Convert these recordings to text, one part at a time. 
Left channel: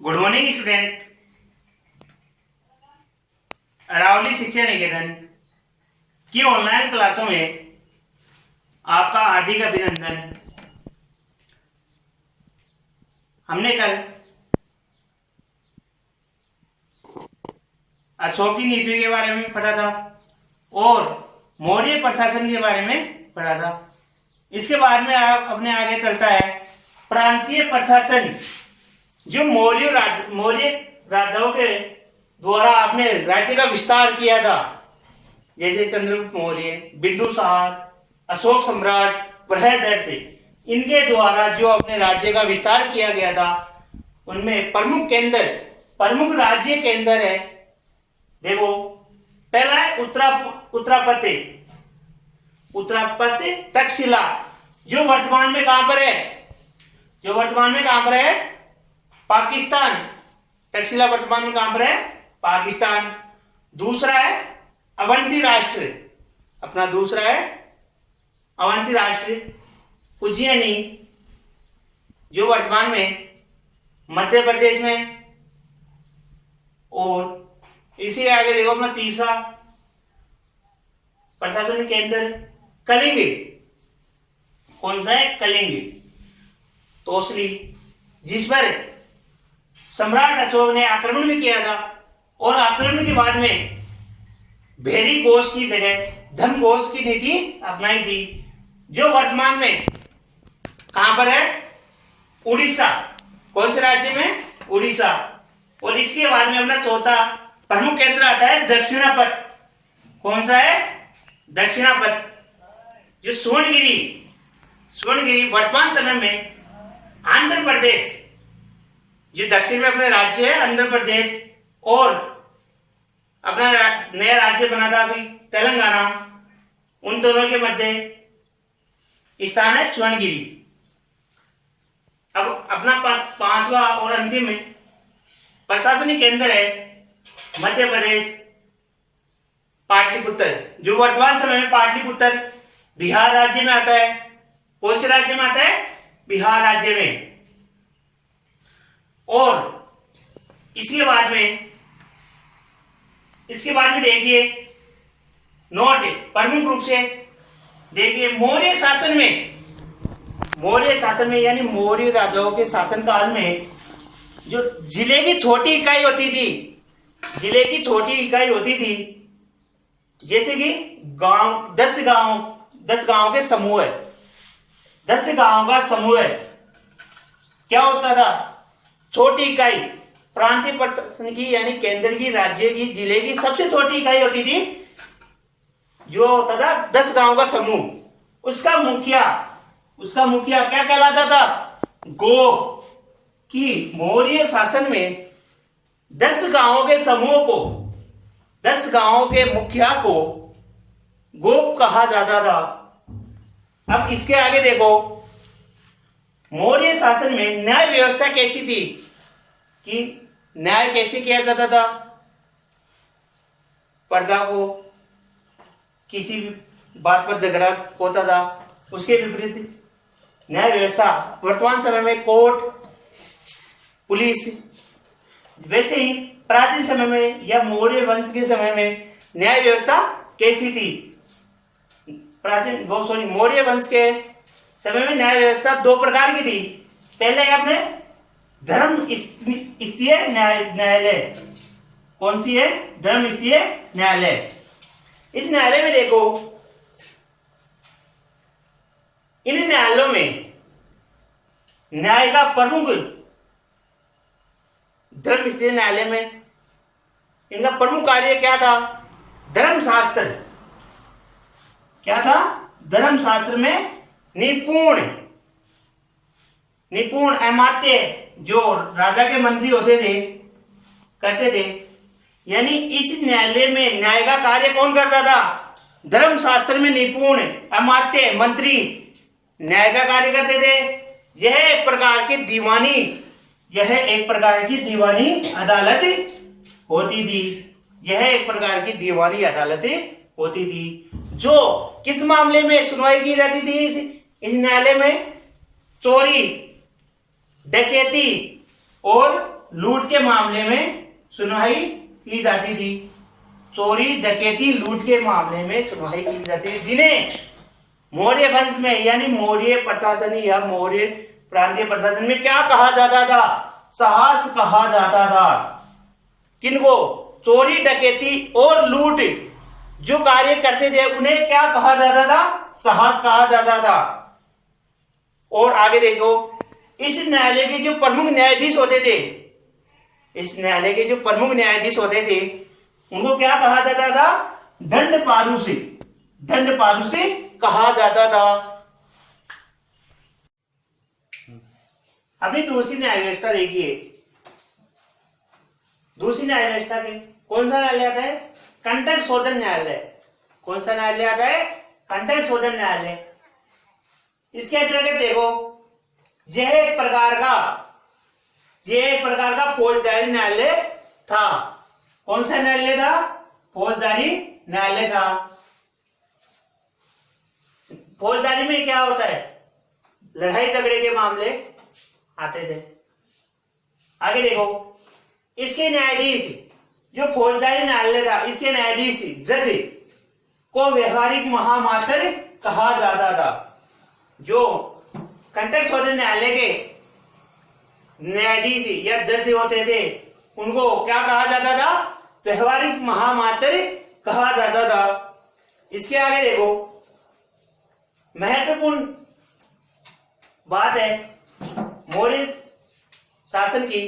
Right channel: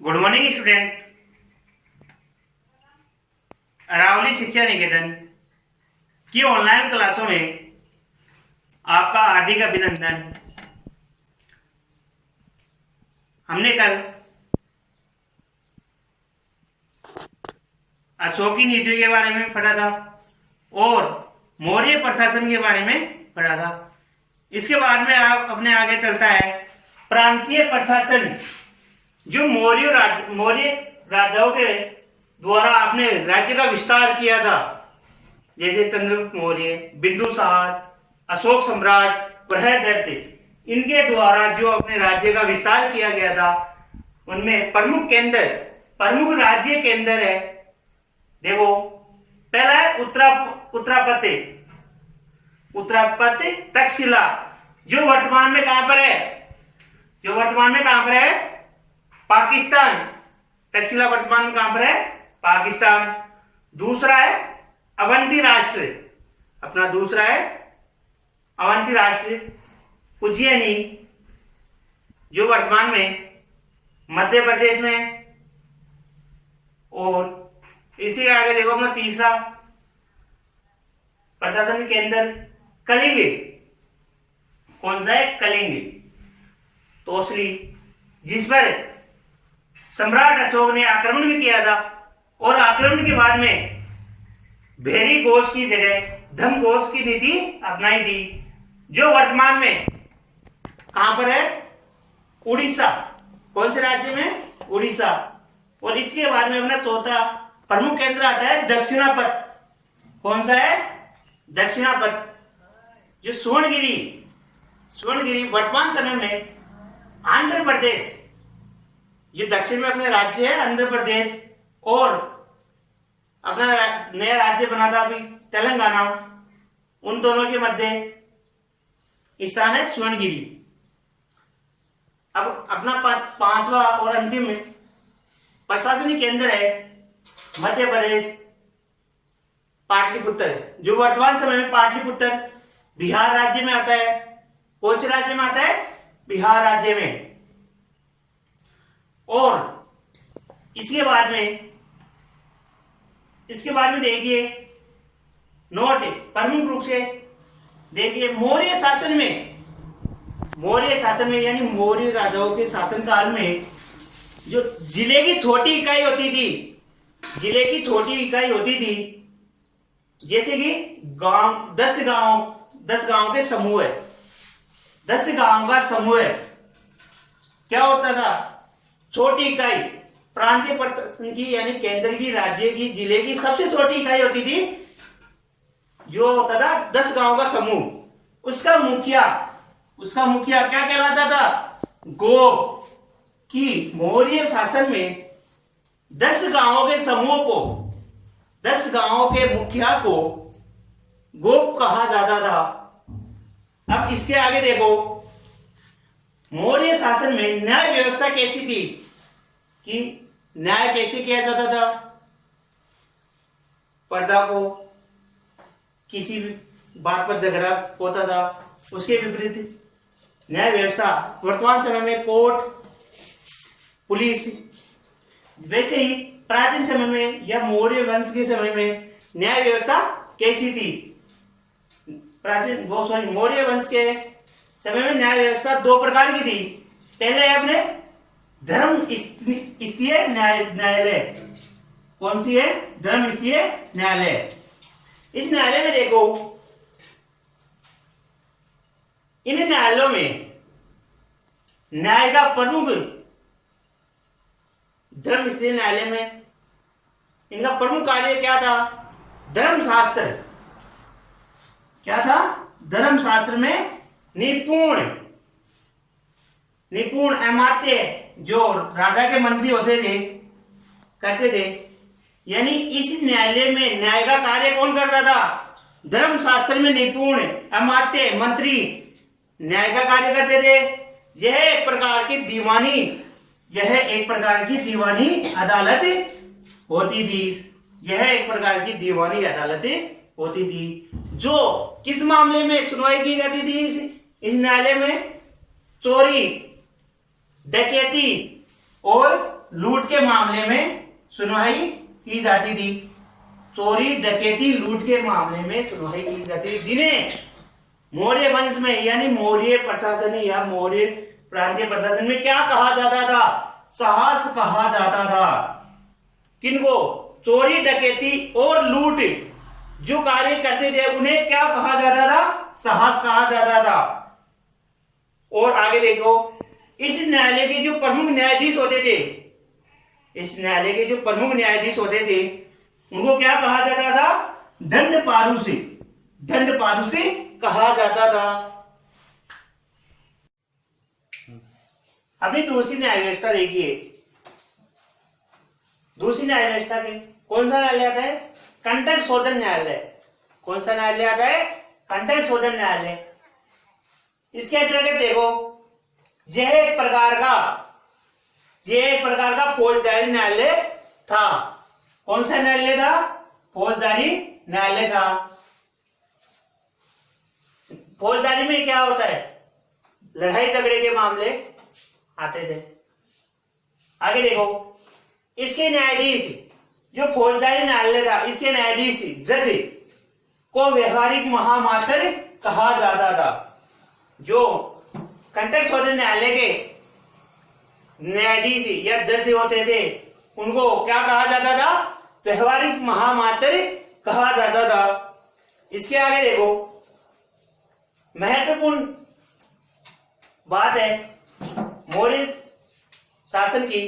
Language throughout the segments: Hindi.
Good morning student. अरावली शिक्षा निकेतन की ऑनलाइन क्लासों में आपका हार्दिक अभिनंदन। हमने कल अशोकी नीति के बारे में पढ़ा था और मौर्य प्रशासन के बारे में पढ़ा था। इसके बाद में आप अपने आगे चलता है प्रांतीय प्रशासन, जो मौर्य राजाओं के द्वारा अपने राज्य का विस्तार किया था, जैसे चंद्रगुप्त मौर्य, बिंदुसार, अशोक सम्राट, बृहदरथ, इनके द्वारा जो अपने राज्य का विस्तार किया गया था, उनमें प्रमुख राज्य केंद्र है। देखो, पहला है उत्तरापति तक्षशिला, जो वर्तमान में कहां पर है? पाकिस्तान। तक्षशिला वर्तमान में कहां पर है? पाकिस्तान। दूसरा है अवंती राष्ट्र, उज्जैनी, जो वर्तमान में मध्य प्रदेश में है। और इसी के आगे देखो अपना तीसरा प्रशासनिक केंद्र कलिंग। कौन सा है? कलिंग, तोसली, जिस पर सम्राट अशोक ने आक्रमण भी किया था और आक्रमण के बाद में भेरी घोष की जगह धम घोष की नीति अपनाई थी, जो वर्तमान में कहां पर है? उड़ीसा। कौन से राज्य में? उड़ीसा। और इसके बाद में अपना चौथा प्रमुख केंद्र आता है दक्षिणापथ। कौन सा है? दक्षिणापथ, जो सुवर्णगिरी वर्तमान समय में आंध्र प्रदेश, जो दक्षिण में अपने राज्य है आंध्र प्रदेश, और अपना नया राज्य बना था अभी तेलंगाना, उन दोनों के मध्य स्थान है सुवर्णगिरी। अब अपना पांचवा और अंतिम प्रशासनिक केंद्र है मध्य प्रदेश, पाटलिपुत्र, जो वर्तमान समय में पाटलिपुत्र बिहार राज्य में आता है। कौन से राज्य में आता है? बिहार राज्य में। और इसके बाद में देखिए, नोट प्रमुख रूप से देखिए, मौर्य शासन में यानी मौर्य राजाओं के शासनकाल में जो जिले की छोटी इकाई होती थी, जैसे कि गांव, 10 गांव के समूह है। 10 गांव का समूह है, क्या होता था? छोटी इकाई। प्रांतीय प्रशासन की यानी केंद्र की, राज्य की, जिले की सबसे छोटी इकाई होती थी, जो होता था 10 गांव का समूह। उसका मुखिया क्या कहलाता था? गोप। कि मौर्य शासन में 10 गांवों के समूह को, 10 गांवों के मुखिया को गोप कहा जाता था। अब इसके आगे देखो, मौर्य शासन में न्याय व्यवस्था कैसी थी? कि न्याय कैसे किया जाता था? प्रजा को किसी भी बात पर झगड़ा होता था, उसके विपरीत न्याय व्यवस्था वर्तमान समय में कोर्ट, पुलिस। वैसे ही प्राचीन समय में या मौर्य वंश के समय में न्याय व्यवस्था कैसी थी? मौर्य वंश के समय में न्याय व्यवस्था 2 प्रकार की थी। पहले है अपने धर्म स्थीय न्यायालय। कौन सी है? धर्म स्थीय न्यायालय। इस न्यायालय में देखो, इन न्यायालयों में न्याय का प्रमुख, धर्म स्थीय न्यायालय में इनका प्रमुख कार्य क्या था? धर्मशास्त्र। क्या था? धर्मशास्त्र में निपुण अमात्य, जो राजा के मंत्री होते थे, करते थे। यानी इस न्यायालय में न्याय का कार्य कौन करता था? धर्मशास्त्र में निपुण अमात्य मंत्री न्याय का कार्य करते थे। यह एक प्रकार की दीवानी अदालत होती थी। जो किस मामले में सुनवाई की जाती थी इस न्यायालय में? चोरी, डकैती और लूट के मामले में सुनवाई की जाती थी। चोरी डकैती लूट के मामले में सुनवाई की जाती थी, जिन्हें मौर्य वंश में यानी मौर्य प्रशासन या मौर्य प्रांतीय प्रशासन में क्या कहा जाता था? साहस कहा जाता था। किनको? चोरी डकैती और लूट जो कार्य करते थे उन्हें क्या कहा जाता था? साहस कहा जाता था। और आगे देखो, इस न्यायालय के जो प्रमुख न्यायाधीश होते थे, इस न्यायालय के जो प्रमुख न्यायाधीश होते थे उनको क्या कहा जाता था? दंड पारुषी, दंड पारुषी कहा जाता था। अभी दूसरी न्याय व्यवस्था देखिए। दूसरी न्याय व्यवस्था के कौन सा न्यायालय आता है? कंटक शोधन न्यायालय। कौन सा न्यायालय आता है? कंटक शोधन न्यायालय। इसके अंतर्गत देखो, यह एक प्रकार का फौजदारी न्यायालय था। कौन सा न्यायालय था? फौजदारी न्यायालय था। फौजदारी में क्या होता है? लड़ाई झगड़े के मामले आते थे। आगे देखो, इसके न्यायाधीश जो फौजदारी न्यायालय था, इसके न्यायाधीश जज को व्यवहारिक महामात्र कहा जाता था। जो कंटक शोधन न्यायालय के न्यायाधीश या जज होते थे उनको क्या कहा जाता था? व्यवहारिक महामात्र कहा जाता था। इसके आगे देखो, महत्वपूर्ण बात है मौर्य शासन की।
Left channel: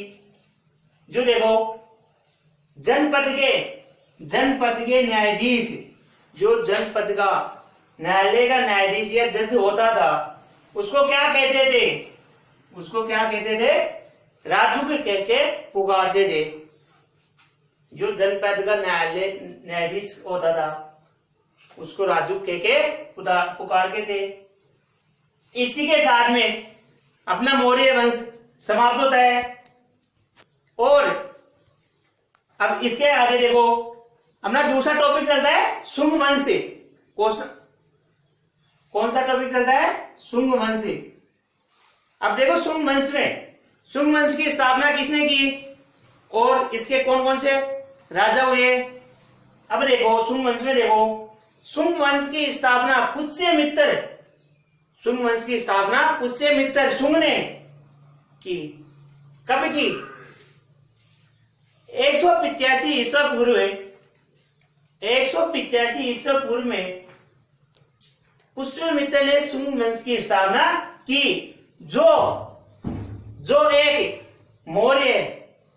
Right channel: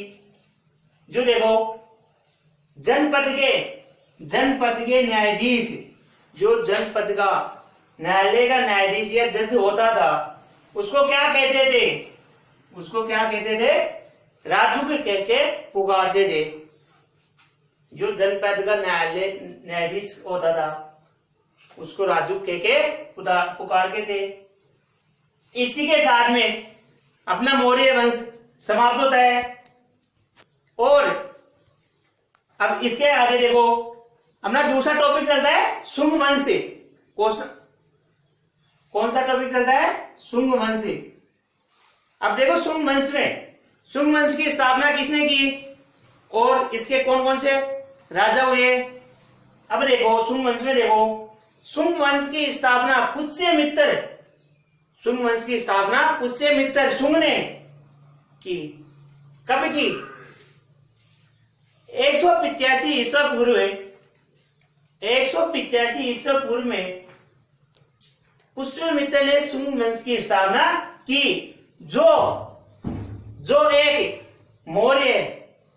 जो देखो, जनपद के न्यायाधीश, जो जनपद का न्यायालय का न्यायाधीश या जज होता था उसको क्या कहते थे? उसको क्या कहते थे? राजुक कह के पुकारते थे। जो जनपद का न्यायाधीश होता था उसको राजुक कह के पुकारते थे। इसी के साथ में अपना मौर्य वंश समाप्त होता है। और अब इसके आगे देखो, अपना दूसरा टॉपिक चलता है शुंग वंश। कौन सा टॉपिक चलता है? शुंग वंश। अब देखो, शुंग वंश की स्थापना किसने की और इसके कौन कौन से राजा हुए? अब देखो, शुंग वंश में देखो, शुंग वंश की स्थापना पुष्यमित्र, शुंग वंश की स्थापना पुष्यमित्र शुंग ने की। कब की? 185 ईसा पूर्व, 185 ईसा पूर्व में पुष्यमित्र ने शुंग वंश की स्थापना की। जो एक मौर्य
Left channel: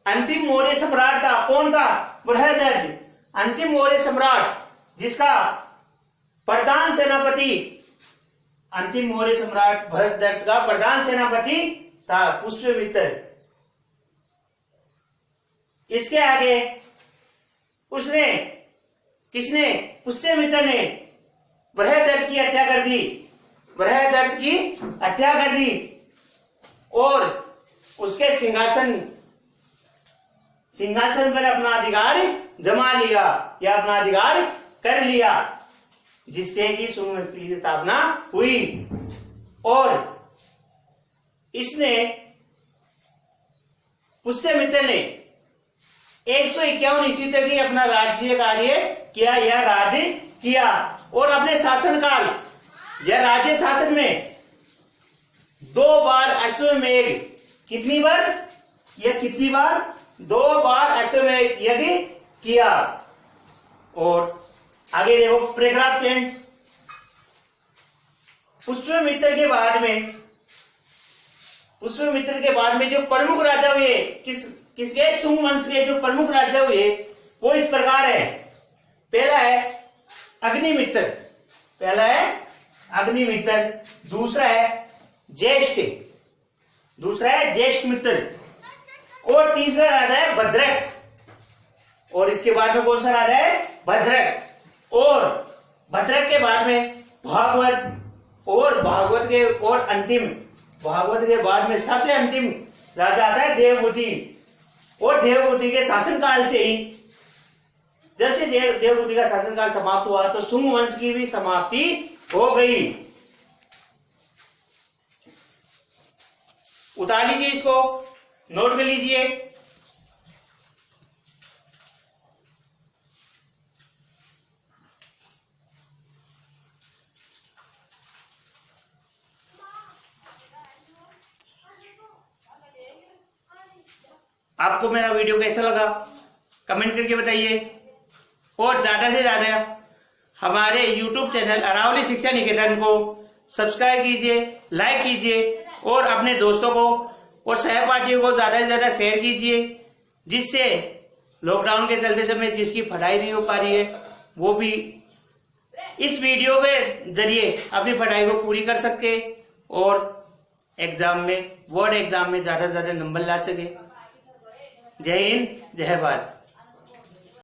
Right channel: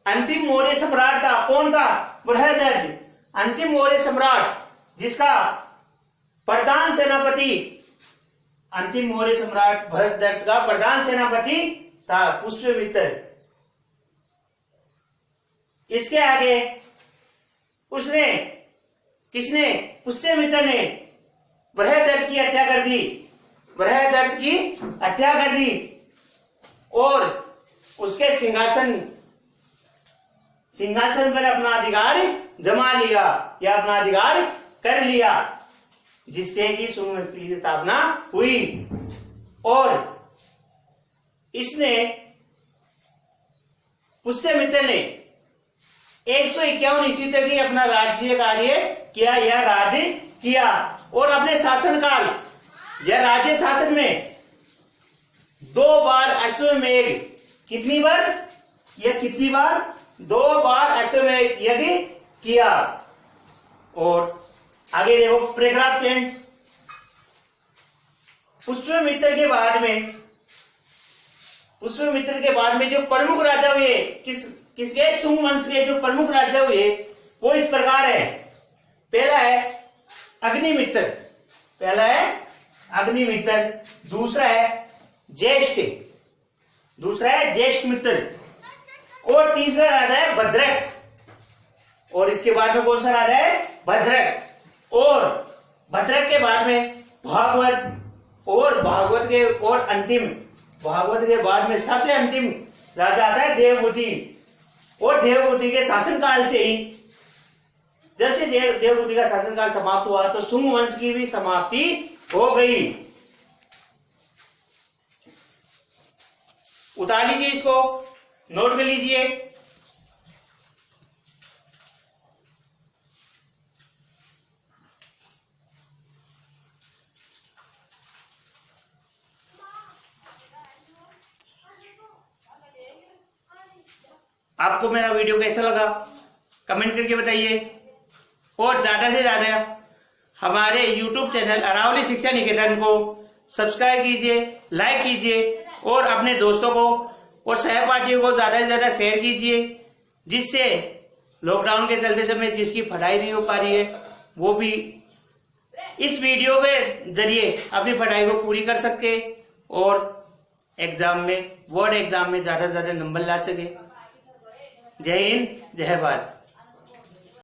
अंतिम मौर्य सम्राट था। कौन था? बृहदर्थ, अंतिम मौर्य सम्राट, जिसका प्रधान सेनापति, अंतिम मौर्य सम्राट बृहदर्थ का प्रधान सेनापति था पुष्यमित्र। इसके आगे किसने? पुष्यमित्र ने बृहदर्थ की हत्या कर दी, बृहदर्थ की हत्या कर दी और उसके सिंहासन पर अपना अधिकार जमा लिया या अपना अधिकार कर लिया, जिससे कि शुंग वंश की स्थापना हुई। और इसने पुष्यमित्र ने 151 ईस्वी तक ही अपना राज्य कार्य किया या राज्य किया। और अपने शासनकाल या राज्य शासन में 2 बार अश्वमेध, कितनी बार? 2 बार अश्वमेध यज्ञ किया। और आगे देखो, पैराग्राफ चेंज। पुष्यमित्र के बाद में जो प्रमुख राजा हुए, किसके? शुंग वंश के जो प्रमुख राजा हुए वो इस प्रकार है। पहला है अग्निमित्र, दूसरा है ज्येष्ठ मित्र, और तीसरा राजा है भद्रक। और इसके बाद में कौन सा राजा है? भद्रक। और भद्रक के बाद में भागवत, और भागवत के बाद में सबसे अंतिम राजा आता है देवभूति। और देवभूति के शासनकाल से ही, जब से देवभूति का शासनकाल समाप्त हुआ तो शुंग वंश की भी समाप्ति हो गई। उतार लीजिए, इसको नोट कर लीजिए। आपको मेरा वीडियो कैसा लगा कमेंट करके बताइए, और ज़्यादा से ज़्यादा हमारे YouTube चैनल अरावली शिक्षा निकेतन को सब्सक्राइब कीजिए, लाइक कीजिए और अपने दोस्तों को और सहपाठियों को ज़्यादा से ज़्यादा शेयर कीजिए, जिससे लॉकडाउन के चलते समय जिसकी पढ़ाई नहीं हो पा रही है वो भी इस वीडियो के जरिए अपनी पढ़ाई को पूरी कर सके और एग्जाम में, बोर्ड एग्जाम में ज़्यादा से ज़्यादा नंबर ला सके। जय हिंद, जय भारत।